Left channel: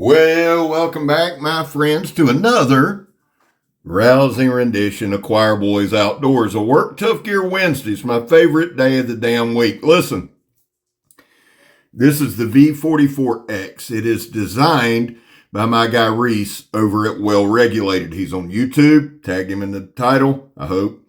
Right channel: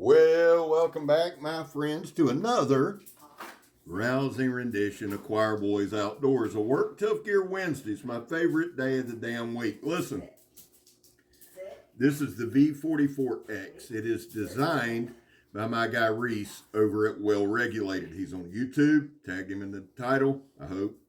Well, welcome back, my friends, to another rousing rendition of Choir Boys Outdoors. A Work Tough Gear Wednesday. It's my favorite day of the damn week. Listen, this is the V44X. It is designed by my guy Reese over at Well Regulated. He's on YouTube. Tagged him in the title, I hope.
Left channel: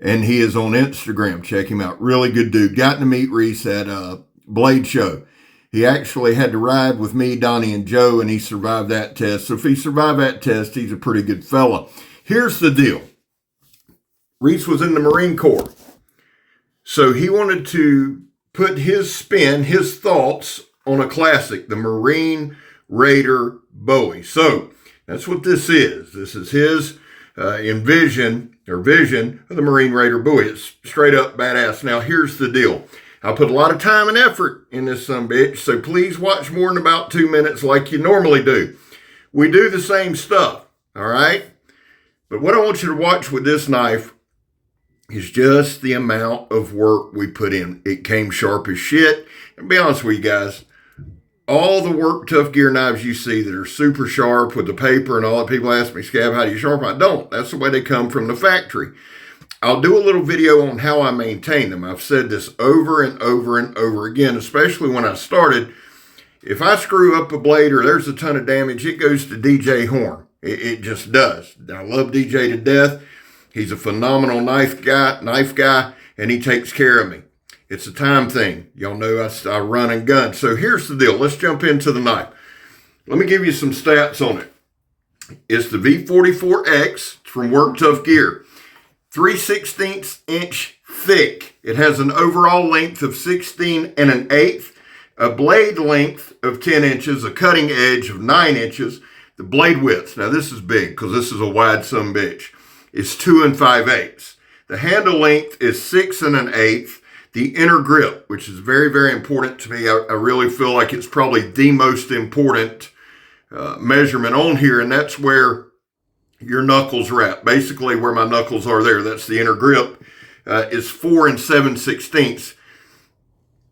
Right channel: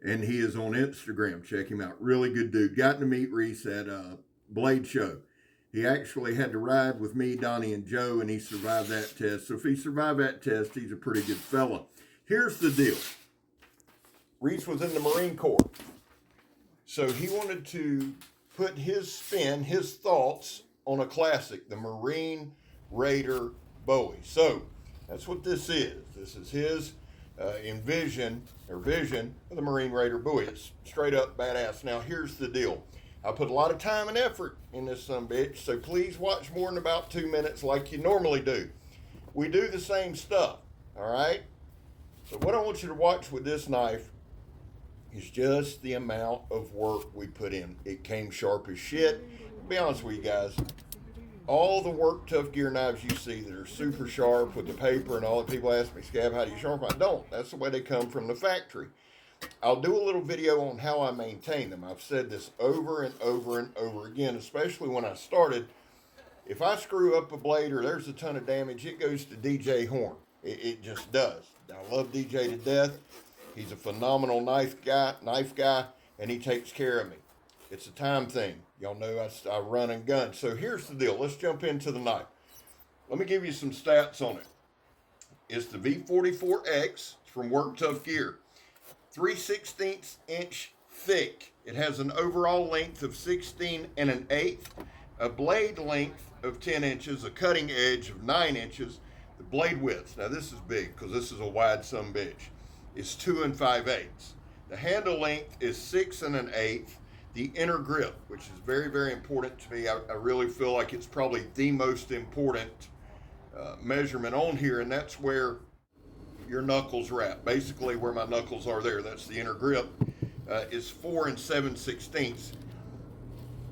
And he is on Instagram. Check him out. Really good dude. Got to meet Reese at a Blade Show. He actually had to ride with me, Donnie, and Joe, and he survived that test. So if he survived that test, he's a pretty good fella. Here's the deal. Reese was in the Marine Corps. So he wanted to put his spin, his thoughts on a classic, the Marine Raider Bowie. So that's what this is. This is his vision of the Marine Raider Bowie. It's straight up badass. Now, here's the deal. I put a lot of time and effort in this sumbitch, so please watch more than about 2 minutes like you normally do. We do the same stuff, all right? But what I want you to watch with this knife is just the amount of work we put in. It came sharp as shit. And to be honest with you guys, all the Work Tough Gear knives you see that are super sharp with the paper and all that, people ask me, Scab, how do you sharpen? I don't. That's the way they come from the factory. I'll do a little video on how I maintain them. I've said this over and over and over again, especially when I started. If I screw up a blade or there's a ton of damage, it goes to DJ Horn. It just does. I love DJ to death. He's a phenomenal knife guy, and he takes care of me. It's a time thing. Y'all know I run and gun. So here's the deal. Let's jump into the knife. Let me give you some stats on it. It's the V44X from Work Tough Gear. 3/16 inch thick. It has an overall length of 16 1/8, a blade length of 10 inches, a cutting edge of 9 inches. The blade width, now this is big because this is a wide sumbitch, is 2 5/8. The handle length is 6 1/8. The inner grip, which is very, very important to me. I really feel like it's probably the most important measurement on here, and that's where your knuckles wrap. Basically where my knuckles are there, that's the inner grip, is 4 7/16.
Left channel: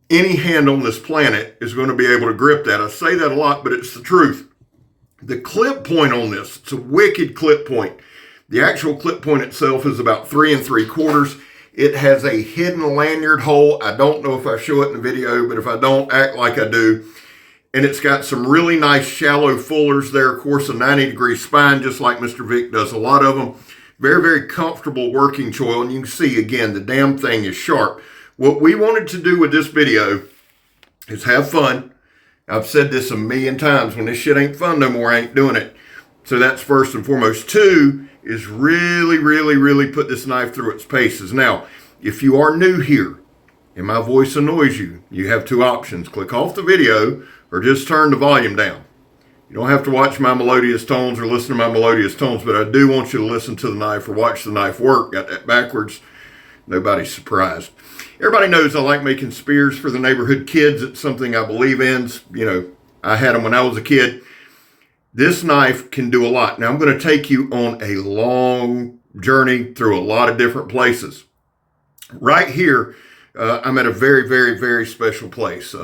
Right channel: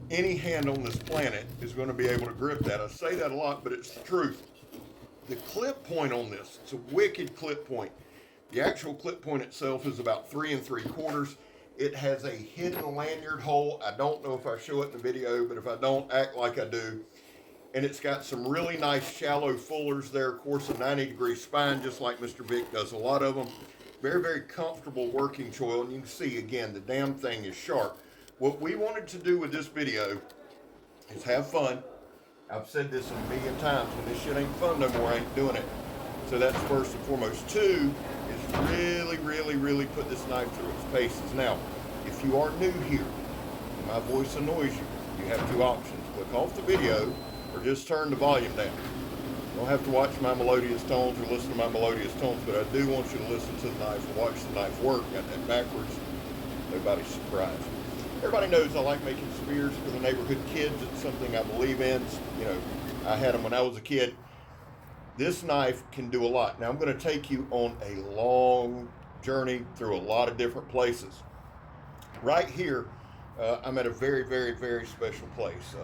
Any hand on this planet is going to be able to grip that. I say that a lot, but it's the truth. The clip point on this, it's a wicked clip point. The actual clip point itself is about 3 3/4. It has a hidden lanyard hole. I don't know if I show it in the video, but if I don't, act like I do. And it's got some really nice shallow fullers there. Of course, a 90-degree spine, just like Mr. Vic does a lot of them. Very, very comfortable working choil. And you can see, again, the damn thing is sharp. What we wanted to do with this video is have fun. I've said this a million times. When this shit ain't fun no more, I ain't doing it. So that's first and foremost. Two is really, really, really put this knife through its paces. Now, if you are new here and my voice annoys you, you have two options. Click off the video or just turn the volume down. You don't have to watch my melodious tones or listen to my melodious tones, but I do want you to listen to the knife or watch the knife work. Got that backwards. Nobody's surprised. Everybody knows I like making spears for the neighborhood kids. It's something I believe in. You know, I had them when I was a kid. This knife can do a lot. Now I'm going to take you on a long journey through a lot of different places. Right here, I'm at a very, very, very special place.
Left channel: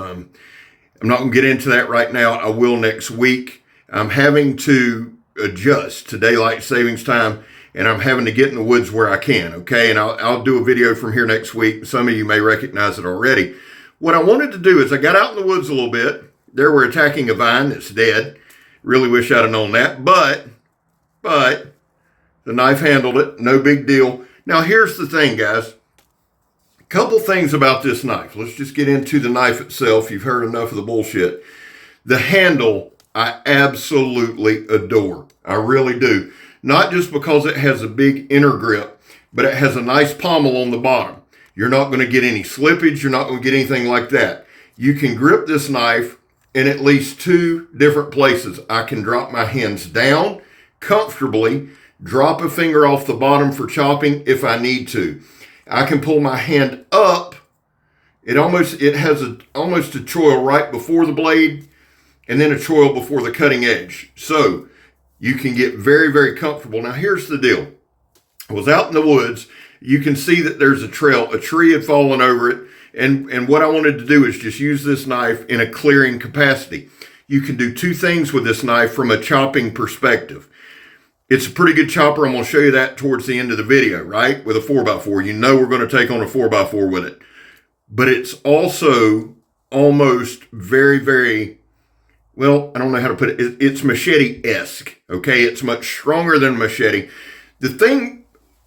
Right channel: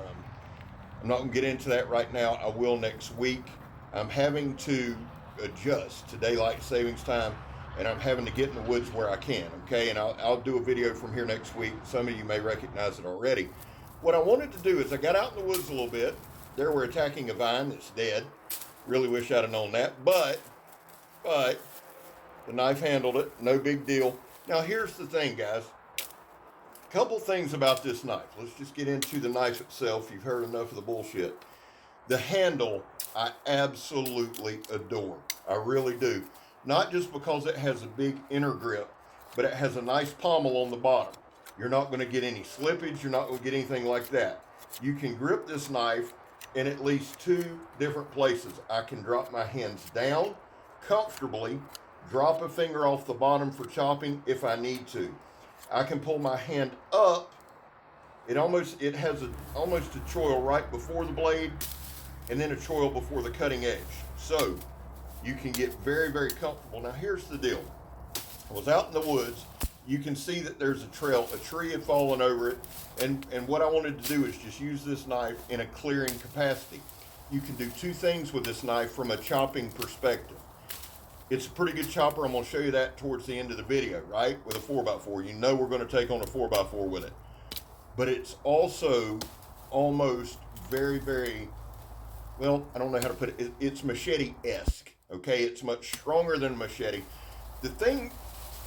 I'm not going to get into that right now. I will next week. I'm having to adjust to daylight savings time, and I'm having to get in the woods where I can, okay? And I'll do a video from here next week. Some of you may recognize it already. What I wanted to do is I got out in the woods a little bit. There we're attacking a vine that's dead. Really wish I'd have known that, but the knife handled it. No big deal. Now, here's the thing, guys. Couple things about this knife. Let's just get into the knife itself. You've heard enough of the bullshit. The handle, I absolutely adore. I really do. Not just because it has a big inner grip, but it has a nice pommel on the bottom. You're not going to get any slippage. You're not going to get anything like that. You can grip this knife in at least 2 different places. I can drop my hands down comfortably, drop a finger off the bottom for chopping if I need to. I can pull my hand up. It has almost a choil right before the blade and then a choil before the cutting edge. So you can get very, very comfortable. Now here's the deal. I was out in the woods. You can see that there's a trail. A tree had fallen over it. And what I wanted to do is just use this knife in a clearing capacity. you can do two things with this knife from a chopping perspective. It's a pretty good chopper. I'm going to show you that towards the end of the video, right? With a 4x4. You know we're going to take on a 4x4 with it. But it's also almost very, very, well, I don't know how to put it. It's machete-esque, okay? It's much stronger than machete. The thing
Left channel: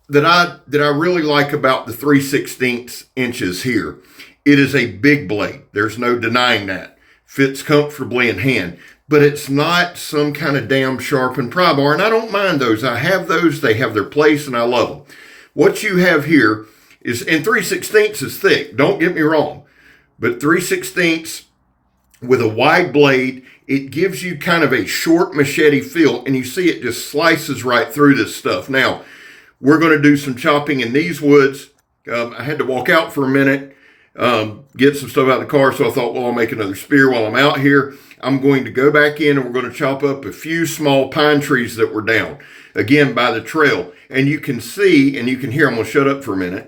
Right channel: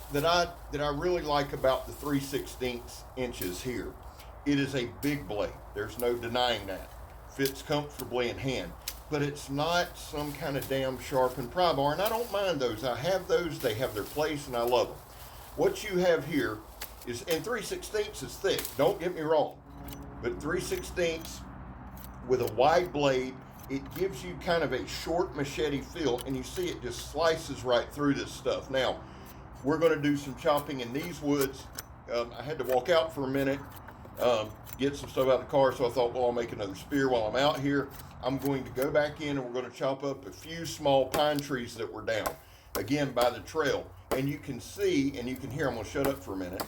that I really like about the 3/16 inches here, it is a big blade. There's no denying that. Fits comfortably in hand. But it's not some kind of damn sharpened pry bar, and I don't mind those. I have those. They have their place, and I love them. What you have here is, and 3/16 is thick, don't get me wrong, but 3/16 with a wide blade, it gives you kind of a short machete feel, and you see it just slices right through this stuff. Now, we're going to do some chopping in these woods. I had to walk out for a minute, get some stuff out of the car, so I thought, well, I'll make another spear while I'm out here. I'm going to go back in and we're going to chop up a few small pine trees that were down, again, by the trail. And you can see, and you can hear, I'm going to shut up for a minute.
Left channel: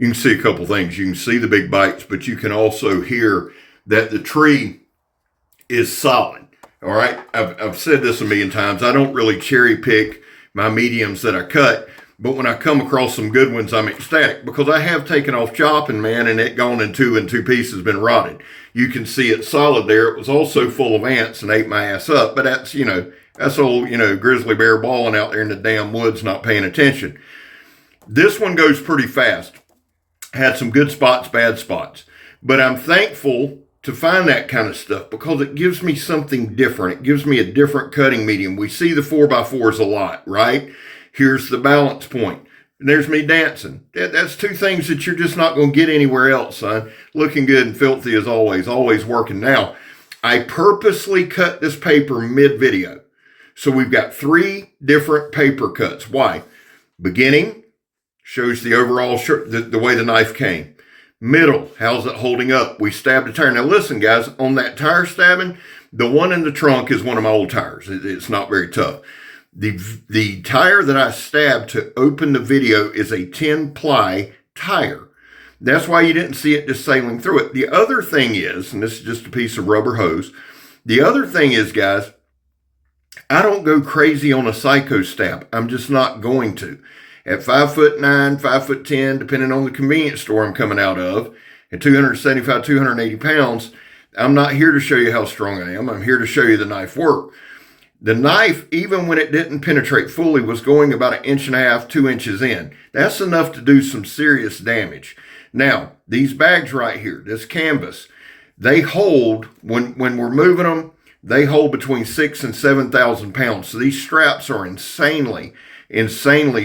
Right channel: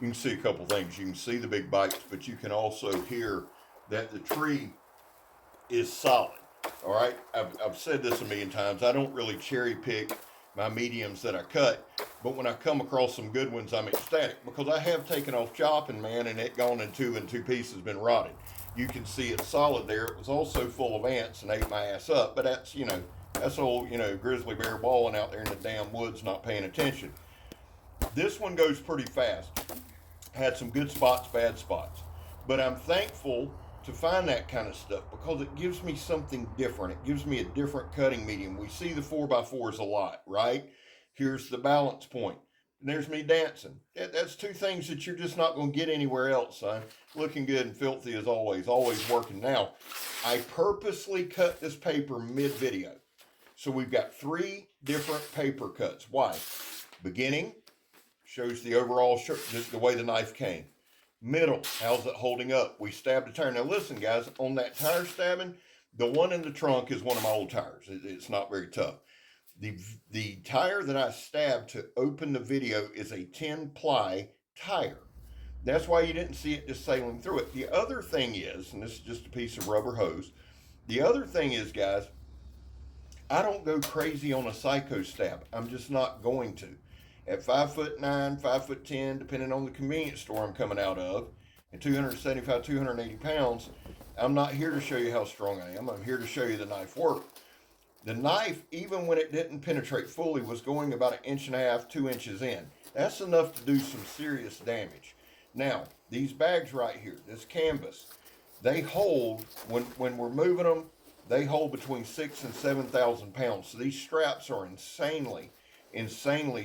You can see a couple things. You can see the big bites, but you can also hear that the tree is solid. All right. I've said this a million times. I don't really cherry pick my mediums that I cut, but when I come across some good ones, I'm ecstatic because I have taken off chopping, man, and it gone in two pieces, been rotted. You can see it's solid there. It was also full of ants and ate my ass up, but that's, that's old, grizzly bear balling out there in the damn woods, not paying attention. This one goes pretty fast. Had some good spots, bad spots. But I'm thankful to find that kind of stuff because it gives me something different. It gives me a different cutting medium. We see the 4x4s a lot, right? Here's the balance point. And there's me dancing. That's two things that you're just not going to get anywhere else, son. Looking good and filthy as always working. Now, I purposely cut this paper mid-video. So we've got three different paper cuts. Why? Beginning shows the overall, the way the knife came. Middle, how's it holding up? We stabbed a tire. Now listen, guys, on that tire stabbing, the one in the trunk is one of my old tires. It's not very tough. The tire that I stabbed to open the video is a 10-ply tire. That's why you didn't see it just sailing through it. The other thing is, and this is just a piece of rubber hose, the other thing is, guys, I don't go crazy on a psycho stab. I'm just not going to. At 5'9", 5'10", depending on the convenience store I'm coming out of, at 275, 280 pounds, I'm not here to show you how strong I am. I'm here to show you the knife work. The knife, even when it didn't penetrate fully, was going about 1.5 inches, 2 inches in. That's enough to do some serious damage. Now, these bags right here, this canvas, they hold, when we're moving them, they hold between 6,000 and 7,000 pounds. So these straps are insanely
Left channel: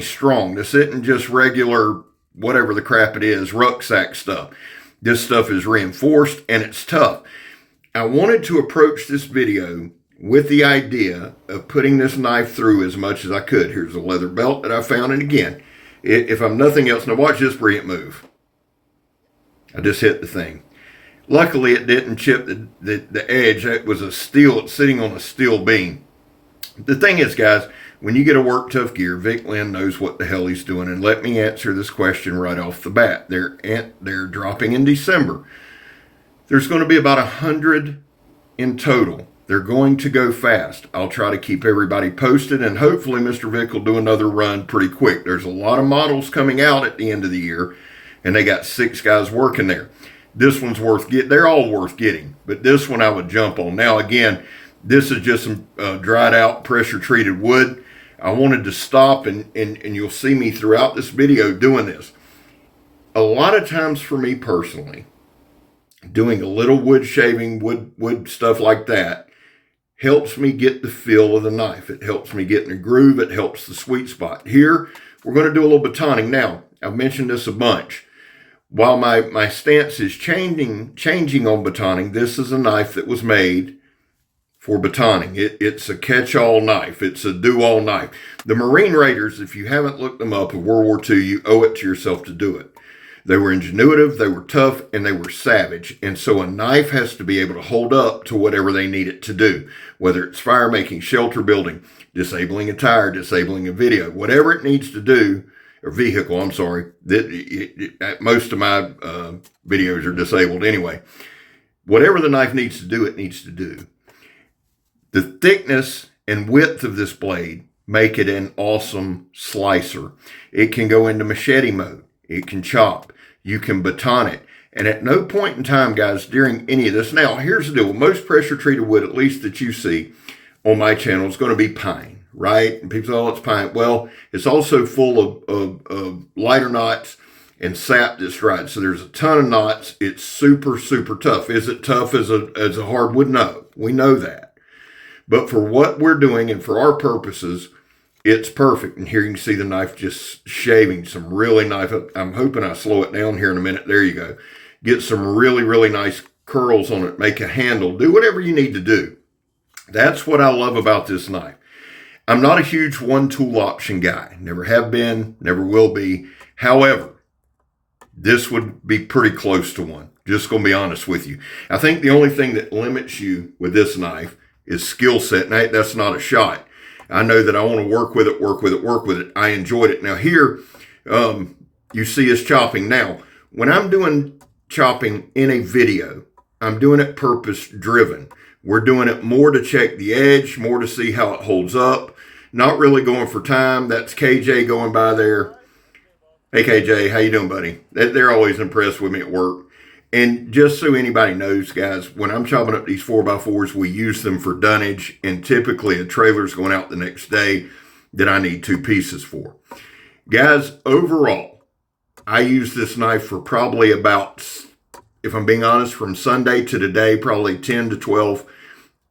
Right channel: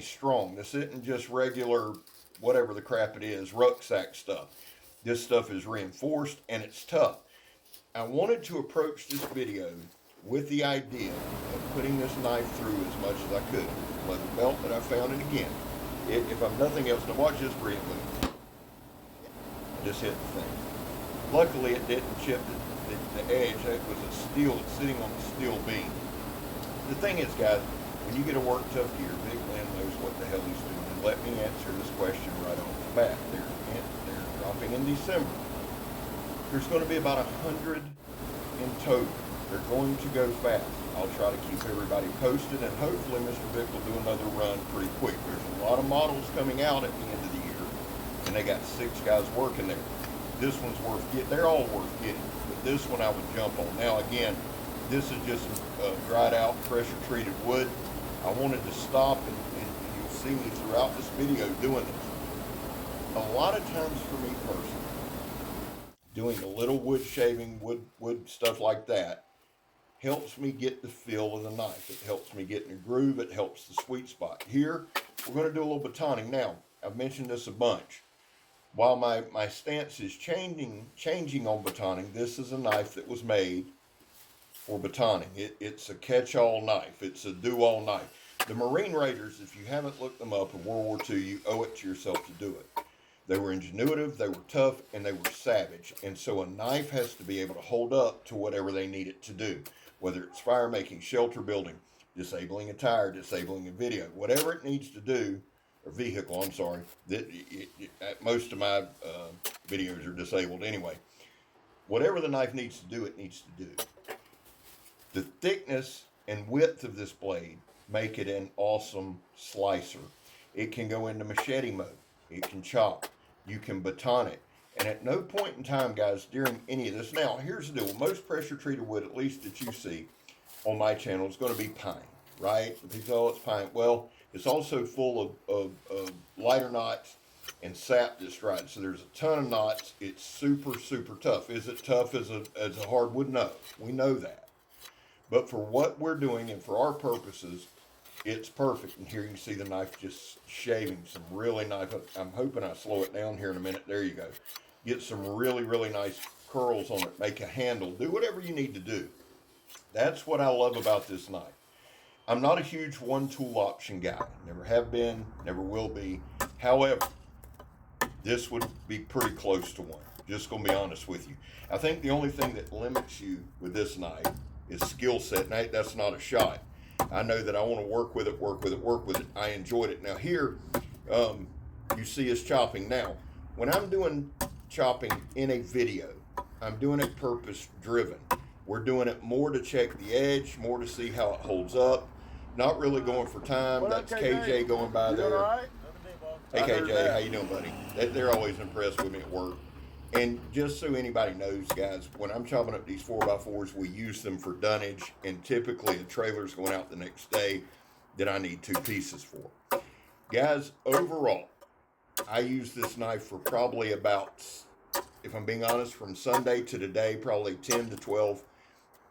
strong. This isn't just regular, whatever the crap it is, rucksack stuff. This stuff is reinforced and it's tough. I wanted to approach this video with the idea of putting this knife through as much as I could. Here's a leather belt that I found, and again, if I'm nothing else, now watch this brilliant move. I just hit the thing. Luckily, it didn't chip the edge. It was a steel, it's sitting on a steel beam. The thing is, guys, when you get a work Tuff gear, Vic Lynn knows what the hell he's doing. And let me answer this question right off the bat. They're dropping in December. There's going to be about 100 in total. They're going to go fast. I'll try to keep everybody posted, and hopefully Mr. Vic will do another run pretty quick. There's a lot of models coming out at the end of the year, and they got 6 guys working there. This one's worth getting. They're all worth getting, but this one I would jump on. Now, again, this is just some dried out, pressure treated wood. I wanted to stop, and you'll see me throughout this video doing this. A lot of times for me personally, doing a little wood shaving, wood stuff like that, helps me get the feel of the knife. It helps me get in the groove. It helps the sweet spot. Here, we're going to do a little batoning. Now, I've mentioned this a bunch. While my stance is changing on batoning, this is a knife that was made for batoning. It's a catch-all knife. It's a do-all knife. The Marine Raiders, if you haven't looked them up in World War II, you owe it to yourself to do it. They were ingenuitive, they were tough, and they were savage. And so a knife has to be able to hold up to whatever they need it to do, whether it's fire making, shelter building, disabling a tire, disabling a video, whatever it needs to do, or vehicle, I'm sorry. Most of my videos are disabled anyway. Whatever the knife needs to do, it needs to do. The thickness and width of this blade make it an awesome slicer. It can go into machete mode. It can chop. You can baton it. And at no point in time, guys, during any of this. Now, here's the deal. Most pressure treated wood, at least that you see on my channel, is going to be pine, right? And people say, oh, it's pine. Well, it's also full of lighter knots and sap that's dried. So there's a ton of knots. It's super, super tough. Is it tough as a hardwood? No, we know that. But for what we're doing and for our purposes, it's perfect. And here you can see the knife just shaving some really nice. I'm hoping I slow it down here in a minute. There you go. Get some really, really nice curls on it. Make a handle. Do whatever you need to do. That's what I love about this knife. I'm not a huge one tool option guy. Never have been, never will be. However, this would be pretty close to one. Just going to be honest with you. I think the only thing that limits you with this knife is skill set. And that's not a shot. I know that I want to work with it. I enjoyed it. Now here, you see us chopping. Now, when I'm doing chopping in a video, I'm doing it purpose driven. We're doing it more to check the edge, more to see how it holds up. Not really going for time. That's KJ going by there. Hey KJ, how you doing, buddy? They're always impressed with me at work. And just so anybody knows, guys, when I'm chopping up these 4x4s, we use them for dunnage, and typically a trailer's going out the next day that I need 2 pieces for. Guys, overall, I use this knife for probably about, if I'm being honest, from Sunday to today, probably 10 to 12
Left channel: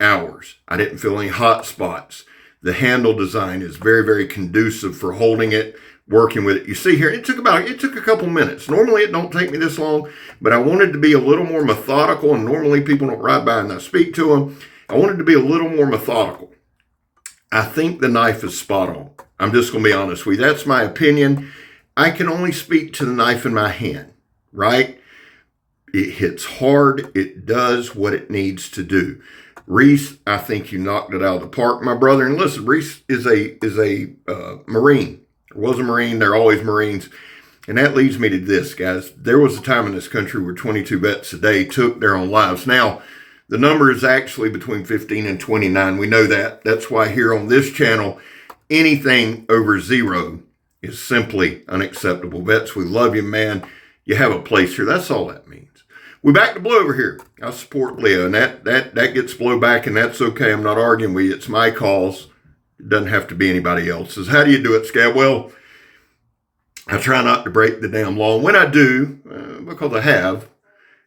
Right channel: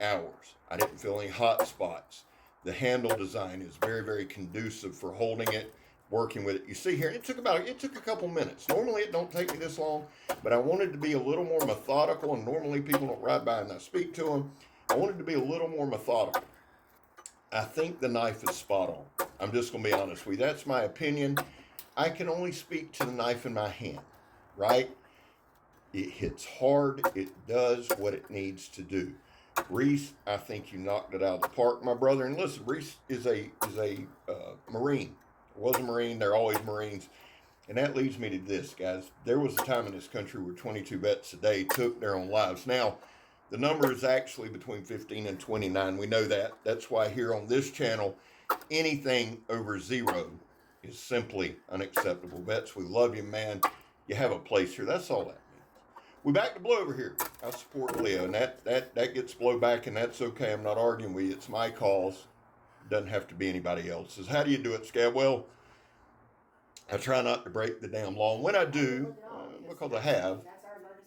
hours. I didn't feel any hot spots. The handle design is very, very conducive for holding it, working with it. You see here, it took a couple minutes. Normally it don't take me this long, but I wanted to be a little more methodical, and normally people don't ride by and I speak to them. I wanted to be a little more methodical. I think the knife is spot on. I'm just going to be honest with you. That's my opinion. I can only speak to the knife in my hand, right? It hits hard. It does what it needs to do. Reese, I think you knocked it out of the park, my brother. And listen, Reese is a Marine. Was a Marine. They're always Marines. And that leads me to this, guys. There was a time in this country where 22 vets a day took their own lives. Now, the number is actually between 15 and 29. We know that. That's why here on this channel, anything over 0 is simply unacceptable. Vets, we love you, man. You have a place here. That's all that means. We back to Blue over here. I support Leo, and that gets blow back, and that's okay. I'm not arguing with you. It's my cause. It doesn't have to be anybody else's. How do you do it, Scab? Well, I try not to break the damn law. When I do, because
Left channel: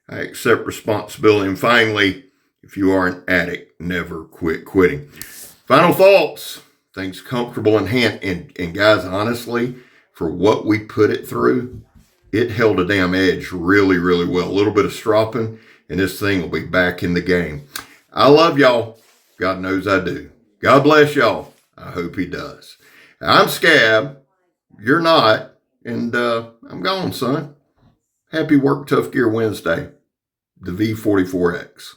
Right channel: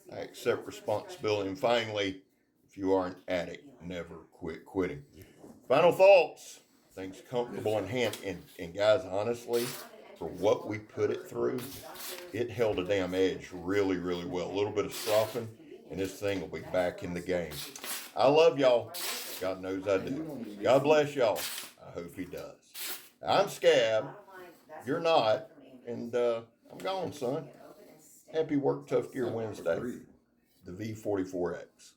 I accept responsibility. And finally, if you are an addict, never quit quitting. Final thoughts. Things comfortable in hand. And guys, honestly, for what we put it through, it held a damn edge really, really well. A little bit of stropping, and this thing will be back in the game. I love y'all. God knows I do. God bless y'all. I hope he does. I'm Scab. You're not. And I'm gone, son. Happy Work Tough Gear Wednesday. The V44X.